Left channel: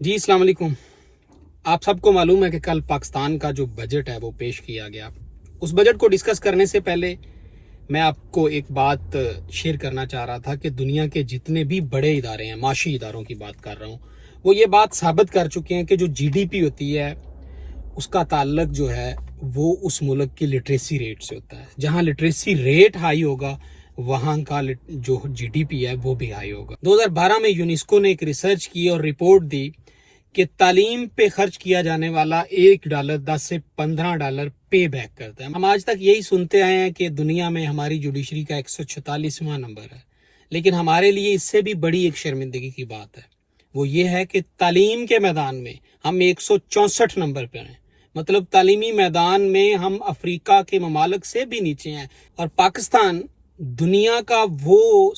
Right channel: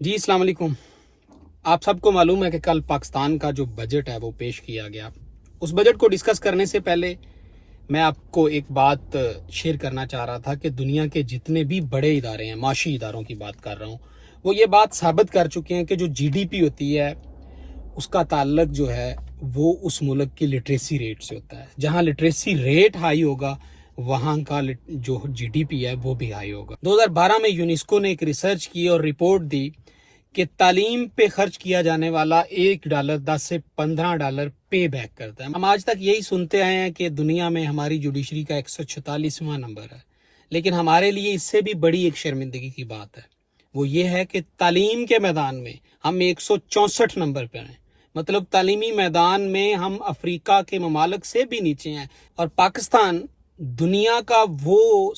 جی السلام علیکم. آپ سب کو معلوم ہے کہ کل پاکستان کا جو بجٹ ہے وہ پیش کیا گیا. اس بجٹ کو ڈسکس کرنے سے پہلے میں آپ کو ایک بات شیئر کرنا چاہ رہا تھا کہ دنیا کے جتنے بھی بڑے ادارے ہیں، معاشی اداروں کی بات کر رہا ہوں، وہ یہ بات ثابت کر چکے ہیں کہ جو جی ڈی پی ہوتی ہے اس کا تعلق جو ہے وہ اس ملک کی لٹریسی ریٹ سے ہوتا ہے. جہاں لٹریسی ریٹ ہائی ہوگا وہاں کا جو جی ڈی پی ہے وہ بھی ہائی ہوگا. 2012 میں یونیسکو نے ایک ریسرچ کی اور رپورٹ دی کہ تعلیم پہ خرچ کیا جانے والا $1 $10 سے $15 پے بیک کرتا ہے. ہم آج تک یہی سنتے آئے ہیں کہ دنیا میں ہماری جوڈیشری کا 146واں نمبر ہے، لیکن ہمارے لیے اس سے بھی بڑی ایک شرمندگی کی بات ہے. وہ یہ ہے کہ تعلیم کے میدان میں ہم 164 نمبر پہ ہیں. مطلب تعلیمی میدان میں ہم افریقہ کے ممالک سے بھی نیچے ہیں، اور پاکستان دنیا کا وہ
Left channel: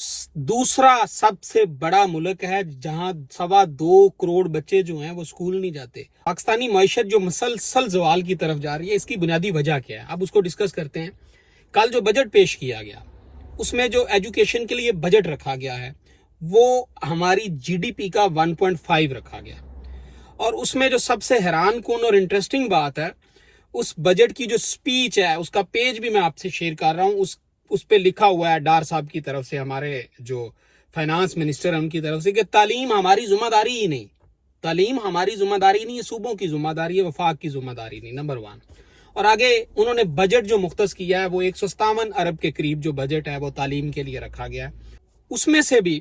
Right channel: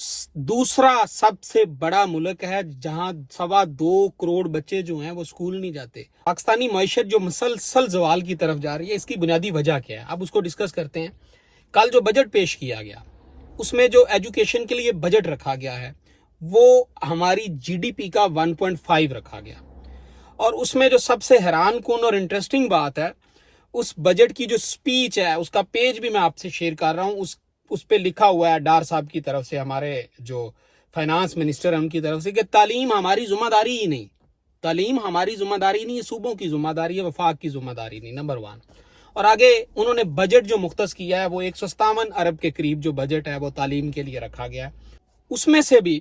دوسرا سب سے بڑا ملک ہے جہاں 2.25 کروڑ بچے جو ہیں وہ اسکول نہیں جاتے. پاکستانی معیشت جو مسلسل زوال کی طرف جا رہی ہے، اس کی بنیادی وجہ کیا ہے؟ اب اس کو ڈسکس کرتے ہیں. کل جو بجٹ پیش کیا گیا اس میں جو ایجوکیشن کے لیے بجٹ رکھا گیا ہے وہ ہماری جی ڈی پی کا 1.5 رکھا گیا. اور اس میں جو سب سے حیران کن اور انٹرسٹنگ بات ہے، اس بجٹ کی جو سپیچ ہے اس کا پیج بھی میں آپ سے شیئر کر رہا ہوں. اس پہ لکھا ہوا ہے ڈار صاحب کی طرف سے، ہمارے جو فائنانس منسٹر ہیں ان کی طرف سے، کہ تعلیم ہماری ذمہ داری ہی نہیں. تعلیم ہماری ذمہ داری نہیں ہے، صوبوں کی ذمہ داری ہے، وفاق کی ذمہ داری نہیں. نمبر 1. اور آگے انہوں نے بجٹ جو مختص کیا ہے وہ 157 ارب کے قریب جو بجٹ ہے وہ تعلیم کے لیے رکھا گیا ہے. اس میں سے بھی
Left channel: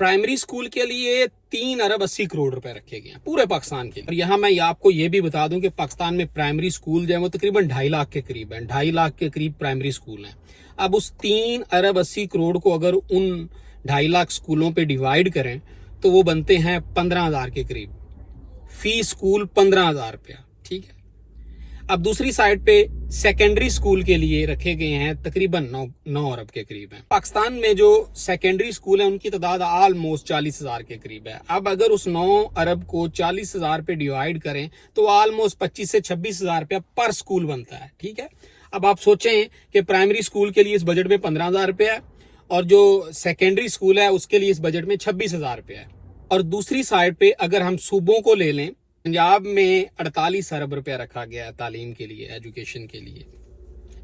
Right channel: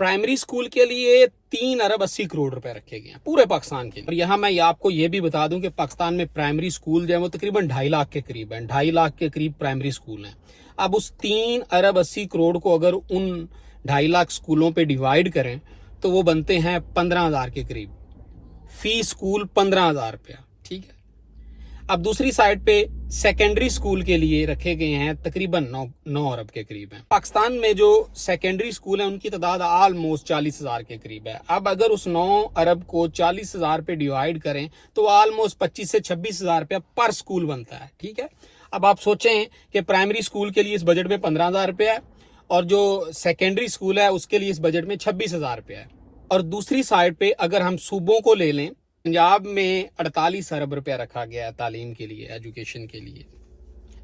پرائمری سکول کے لیے 3 ارب 80 کروڑ روپے رکھے گئے ہیں پورے پاکستان کے لیے. اور یہاں میں آپ کو یہ بھی بتا دوں کہ پاکستان میں پرائمری سکول جو ہے وہ تقریباً 2.5 لاکھ کے قریب ہیں. 2.5 لاکھ کے قریب پرائمری سکول ہیں. اب اس 3 ارب 80 کروڑ کو اگر ان 2.5 لاکھ سکولوں پہ ڈیوائیڈ کریں تو وہ بنتے ہیں 15,000 کے قریب. فی سکول 15,000 روپیہ. ٹھیک ہے. اب دوسری سائڈ پہ سیکنڈری سکول کے لیے رکھے گئے ہیں تقریباً 9 ارب کے قریب ہیں. پاکستان میں جو سیکنڈری سکول ہیں ان کی تعداد آلموسٹ 40,000 کے قریب ہے. اب اگر اس 9 ارب کو 40,000 پہ ڈیوائیڈ کریں تو آلموسٹ 25 سے 26,000 روپیہ پر سکول بنتا ہے. ٹھیک ہے. اب آپ سوچیں کہ پرائمری سکول کے لیے اس بجٹ میں 15,000 روپیہ ہے اور جو سیکنڈری سکول ہے اس کے لیے اس بجٹ میں 26,000 روپیہ ہے. اور دوسری سائڈ پہ اگر ہم صوبوں کو لے لیں، پنجاب میں 48 ارب روپیہ رکھا گیا ہے تعلیم کے لیے، ایجوکیشن کے لیے،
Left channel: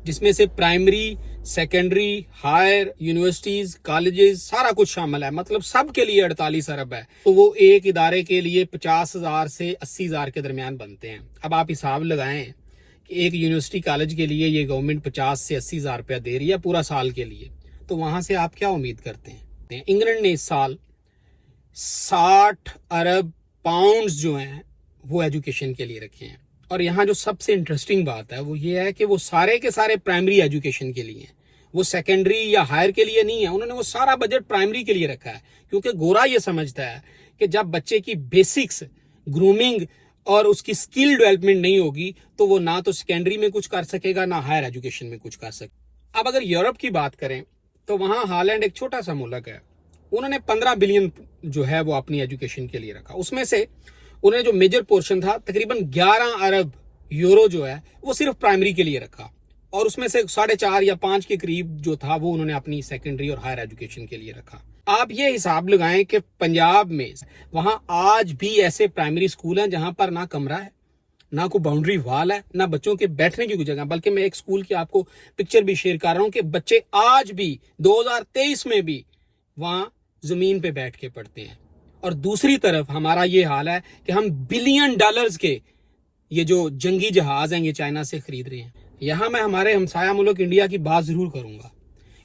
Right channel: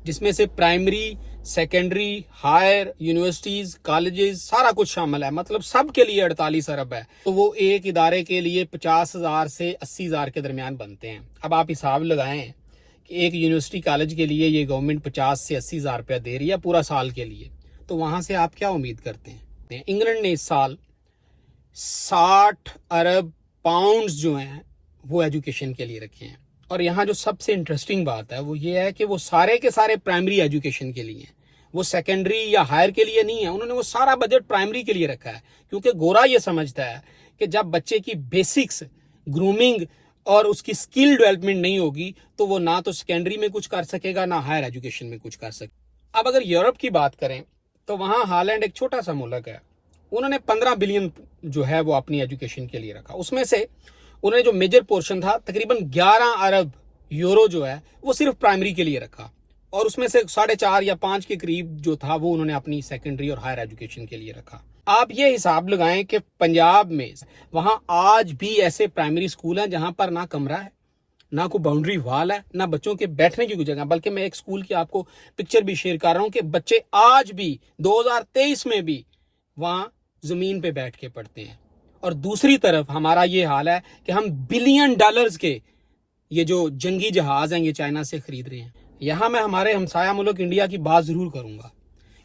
جس میں سے primary, secondary, higher, universities, colleges سارا کچھ شامل ہے. مطلب سب کے لیے 48 ارب ہے. تو وہ ایک ادارے کے لیے 50,000 سے 80,000 کے درمیان بنتے ہیں. اب آپ حساب لگائیں کہ ایک یونیورسٹی کالج کے لیے یہ گورنمنٹ 50 سے 80,000 روپیہ دے رہی ہے پورا سال کے لیے. تو وہاں سے آپ کیا امید کرتے ہیں؟ انگلینڈ نے اس سال 60 ارب پاؤنڈز جو ہیں وہ ایجوکیشن کے لیے رکھے ہیں. اور یہاں جو سب سے انٹرسٹنگ بات ہے وہ یہ ہے کہ وہ سارے کے سارے پرائمری ایجوکیشن کے لیے ہیں، وہ سیکنڈری یا ہائر کے لیے نہیں ہے. انہوں نے وہ سارا بجٹ پرائمری کے لیے رکھا ہے، کیونکہ گورا یہ سمجھتا ہے کہ جب بچے کی بیسکس، گرومنگ اور اس کی سکل ڈیولپمنٹ نہیں ہوگی تو وہ نہ تو سیکنڈری میں کچھ کر سکے گا نہ ہائر ایجوکیشن میں کچھ کر سکے. اب اگر یورپ کی بات کریں تو وہاں ہالینڈ ایک چھوٹا سا ملک ہے، انہوں نے 15 بلین جو ہے وہ اپنی ایجوکیشن کے لیے رکھا. اس میں سے انہوں نے جو میجر پورشن تھا تقریباً 11 ارب یورو جو ہے وہ صرف پرائمری کے لیے رکھا، اور اس میں سے 4.5 یا 5 کے قریب جو تھا وہ انہوں نے اپنی سیکنڈری اور ہائر ایجوکیشن کے لیے رکھا. آپ یہ حساب لگائیں کہ پنجاب میں وہاں آج بھی ایسے پرائمری سکول ہیں جہاں پر نہ کمرہ ہے، نہ کوئی باؤنڈری وال ہے، نہ بچوں کے بیٹھنے کی کوئی جگہ. بلکہ میں ایک سکول کی آپ کو پکچر بھی شیئر کر رہا ہوں کہ بچے آج بھی 2023 میں بھی وہاں زمین پہ بیٹھ کے پڑھتے ہیں. اور دوسری طرف ہمارا یہ حال ہے کہ ہم بلین ڈالرز کے یہ جو جنگی جہاز ہیں یہ چائنا سے خرید رہے ہیں. یہاں میں ہمارے ہمسایہ ملک انڈیا کی بات ضرور کروں گا.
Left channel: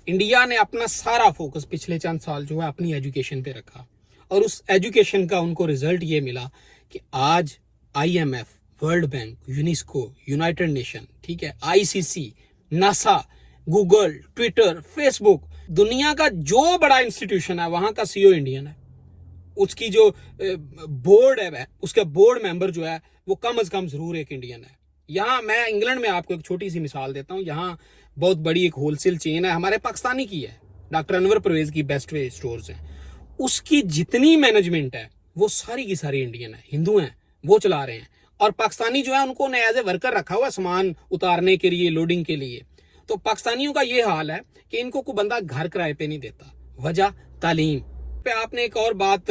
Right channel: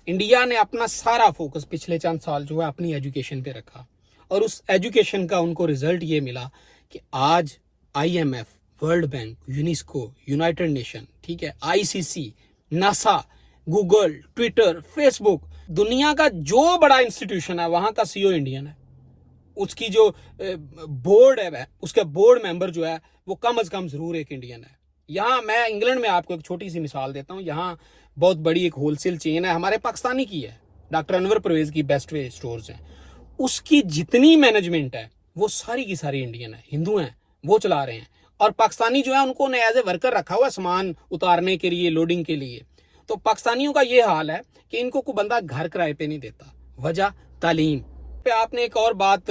انڈیا نے اپنا سارا فوکس پچھلے چند سال جو ہے اپنی ایجوکیشن پہ رکھا، اور اس ایجوکیشن کا ان کو رزلٹ یہ ملا کہ آج I M F, World Bank, UNESCO, United Nation, ٹھیک ہے، I C C, NASA, Google, Twitter, Facebook, دنیا کا جو بڑا انسٹیٹیوشن ہے وہاں کا سی او انڈین ہے. اس کی جو بورڈ ہے، اس کا بورڈ ممبر جو ہے وہ کم از کم ضرور ایک انڈین ہے. یہاں میں انگلینڈ میں آپ کو ایک چھوٹی سی مثال دیتا ہوں. یہاں بہت بڑی ایک ہول سیل چین ہے، ہمارے پاکستانی کی ہے، ڈاکٹر انور پرویز کی بیسٹ وے سٹورز ہیں. اس کی جتنی مینجمنٹ ہے وہ ساری کی ساری انڈین ہے، ہندو ہیں، وہ چلا رہے ہیں. اور پاکستانی جو ہے ان کو ایز اے ورکر رکھا ہوا سامان اتارنے کے لیے، لوڈنگ کے لیے. تو پاکستانیوں کا یہ حال ہے کہ ان کو کوئی بندہ گھر کرائے پہ نہیں دیتا. وجہ تعلیم پہ. آپ نے ایک اور بات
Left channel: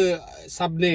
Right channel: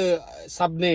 سب نے